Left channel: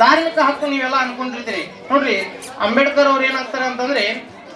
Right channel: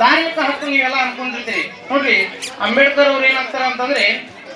ಧಾರ್ಮಿಕ ಹಕ್ಕು ನೀವೆಲ್ಲ ಅನ್ಕೊಂಡಿರ್ತೀರಿ. ನೋಡ್ರಿ, ಅಂಬೇಡ್ಕರ್ ಅವ್ರು ಏನಾಗ್ತಾರ ಅಂತಂದ್ರೆ,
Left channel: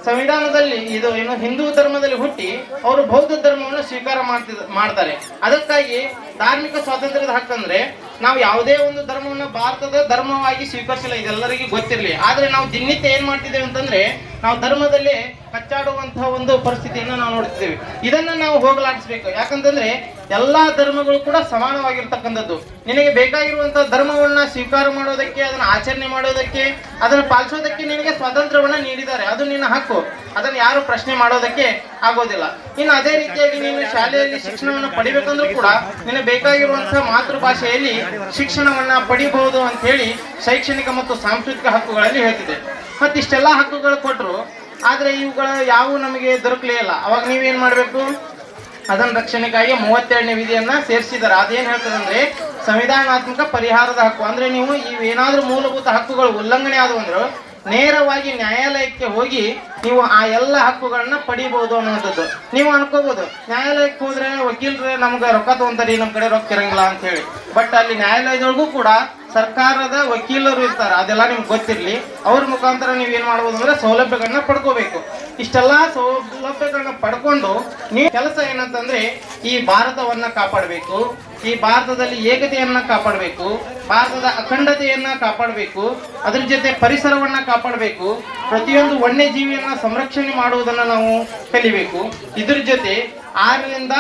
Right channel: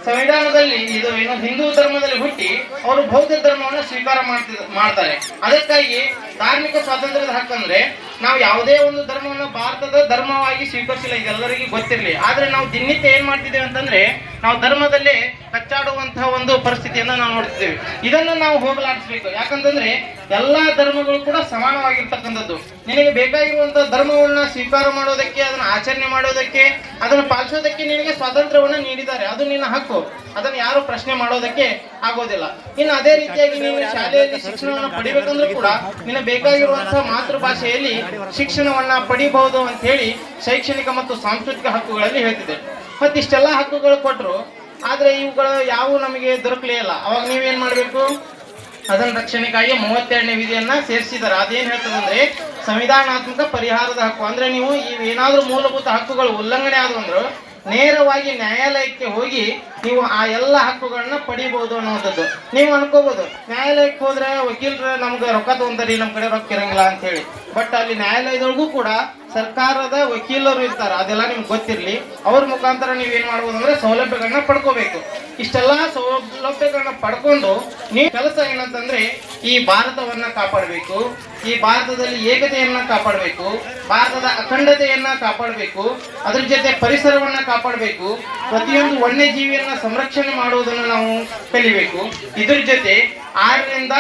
ಸಂವಿಧಾನದಲ್ಲಿ ಇದು ಏನು ಹಿಂದೂ ಧರ್ಮದಲ್ಲಿ ಹುಟ್ಟಿ ಅವರು ಬೌದ್ಧ ಧರ್ಮವನ್ನು ಸ್ವೀಕಾರ ಮಾಡ್ತಿದ್, ಮಾಡ್ತಾರೆ. ಅದಕ್ಕಾಗಿ ಧಾರ್ಮಿಕ ಸ್ವಾತಂತ್ರ್ಯದ ಹಕ್ಕಂದ್ರೆ ನಾವು ಯಾವುದೇ ಒಂದು ಧರ್ಮವನ್ನು ಭಾರತದ ಧರ್ಮವಾಗಿ ಸ್ವೀಕರಿಸಿಲ್ಲ, ಇದೆಲ್ಲರಿಗೂ ಗೊತ್ತಿರಲಿ. ಆದ್ರೆ ನಾವು ದಿನನಿತ್ಯ ಏನ್ ಮಾಡ್ತಿದ್ದೇವೆ ಅಂತಂದ್ರೆ ನಾವು ಧರ್ಮದಲ್ಲೇ ಕಚ್ಚಾಡುವಂತಹ ಒಂದು ಪರಿಸ್ಥಿತಿಯನ್ನ ನಾವು ನೋಡ್ತಿದ್ದೇವೆ. ಇದನ್ನು ನಾವು ಹೋಗಲಾಡಿಸ್ಬೇಕು. ಯಾಕಂತಂದ್ರೆ ಎಲ್ಲಾ ಧರ್ಮಗಳು ಕೂಡ ಸಮಾನವಾಗಿರ್ತಕ್ಕಂಥದ್ದು. ನಿನಗೆ ಬೇಕಾಗಿರುವಂತಹ ಧರ್ಮವನ್ನ ಸ್ವೀಕಾರ ಮಾಡೋದಕ್ಕೆ, ಅದನ್ನು ಆಚರಣೆ ಮಾಡೋದಕ್ಕೆ, ಅದನ್ನು ಪಾಲಿಸೋದಕ್ಕೆ ನಿನಗೆ ಸ್ವಾತಂತ್ರ್ಯವನ್ನ ನೀಡಿದ್ದಾರೆ. ಅದು ನಿನ್ನ ಹಕ್ಕು. ಅದನ್ನು ಯಾರು ಪ್ರಶ್ನೆ ಮಾಡೋದಕ್ಕೆ ಆಗೋದಿಲ್ಲ. ಇನ್ನು ಅದೇ ರೀತಿಯಾಗಿ ನೀನು ಶಾಲೆಯಲ್ಲಿ ಶಿಕ್ಷಣವನ್ನು ಪಡಿಬೇಕಂದ್ರೂ ಕೂಡ ನಿನಗೆ ಬೇಕಾಗಿರುವಂತಹ ಮಾತೃಭಾಷೆಯಲ್ಲಿ ಶಿಕ್ಷಣವನ್ನ ಪಡಿಬಹುದು ಅಂತ ಹೇಳಿ ಶೈಕ್ಷಣಿಕ ಮತ್ತು ಸಾಂಸ್ಕೃತಿಕ ಹಕ್ಕುಗಳಲ್ಲಿ ಹೇಳ್ತಿದೆ ಮತ್ತಿಷ್ಟೆಲ್ಲ ಹಕ್ಕುಗಳು ಕೊಟ್ಟರು ಆದ್ರೆ ಇವುಗಳು ಯಾವು ನಮಗೆ ದೊರಕಲೇ ಇಲ್ಲ. ಅವಾಗ ನೀವೇನು ಮಾಡಬೇಕು? ಅದನ್ನ ರಕ್ಷಣೆಗಾಗಿ ಮೂವತ್ತೆರಡನೇ ವಿಧಿಯನ್ನು ಸೇರಿಸಿದ್ದಾರೆ. ಅದೇನ್ ಹೇಳ್ತದೆ ಅಂದ್ರೆ ಸಂವಿಧಾನಾತ್ಮಕ ಪರಿಹಾರದ ಹಕ್ಕು. ಅಂದ್ರೆ ನೀವು ಇವೇನಾದರೂ ಮೂಲಭೂತ ಹಕ್ಕುಗಳು ಉಲ್ಲಂಘನೆ ಆದವು ಅಂದ್ರೆ ನೇರವಾಗಿ ನ್ಯಾಯಾಲಯಕ್ಕೆ ಹೋಗಿ ನೀವು ಆ ಎಲ್ಲ ಹಕ್ಕುಗಳನ್ನ ಪಡಿಬಹುದು ಅನ್ನೋಂಥದ್ದು ನೀವು ಅನ್ಕೋಬಹುದು ನ್ಯಾಯಾಲಯಕ್ಕೆ ಹೋದ್ರೆ ವಕೀಲರು ನಮ್ಗೆ ರೊಕ್ಕ ತಗೊಂತಾರಿ ನಮ್ಮ ಕಡೆ ರೊಕ್ಕ ಇರಂಗಿಲ್ಲ ಅಂತ ಹೇಳಿ ಬಟ್ ಅಲ್ಲಿ ನ್ಯಾಯಾಲಯದೊಳಗೂ ಕೂಡ ಸರ್ಕಾರದ ವಕೀಲರು ಇರ್ತಾರೆ, ಅದೆಲ್ಲ ನಿಮ್ಗೆ ಗೊತ್ತಿರಲಿ. ಅವ್ರ ಮುಖಾಂತರ ನೀವು ಏನು ಮಾಡ್ಬೋದು ಅಂದ್ರೆ ಸೌಲಭ್ಯಗಳನ್ನ ಪಡ್ಕೋಬೇಕು. ಇಷ್ಟೆಲ್ಲ ಸೌಲಭ್ಯಗಳನ್ನ ಪಡ್ಕೊಂಡು ನೀವು ಕೆಲಸ ಏನಂತಂದ್ರೆ ಈ ಭಾರತವನ್ನ ಕಾಪಾಡಬೇಕು, ಈ ಭಾರತದಲ್ಲಿ ಏಕತೆಯನ್ನ ಕಾಪಾಡಬೇಕು, ಭಾರತದ ಅಖಂಡತೆಯನ್ನ ಕಾಪಾಡಬೇಕು, ಅದ್ರ ಜೊತೆ ಪರಿಸರವನ್ನ ಕಾಪಾಡಬೇಕು, ಪ್ರತಿಯೊಂದು ವನ್ಯಜೀವಿಯನ್ನ ಸಂರಕ್ಷಣೆ ಮಾಡುವುದನ್ನು ನಾವು ಕಲಿಬೇಕು. ಇದ್ರ ಜೊತೆ ಆರರಿಂದ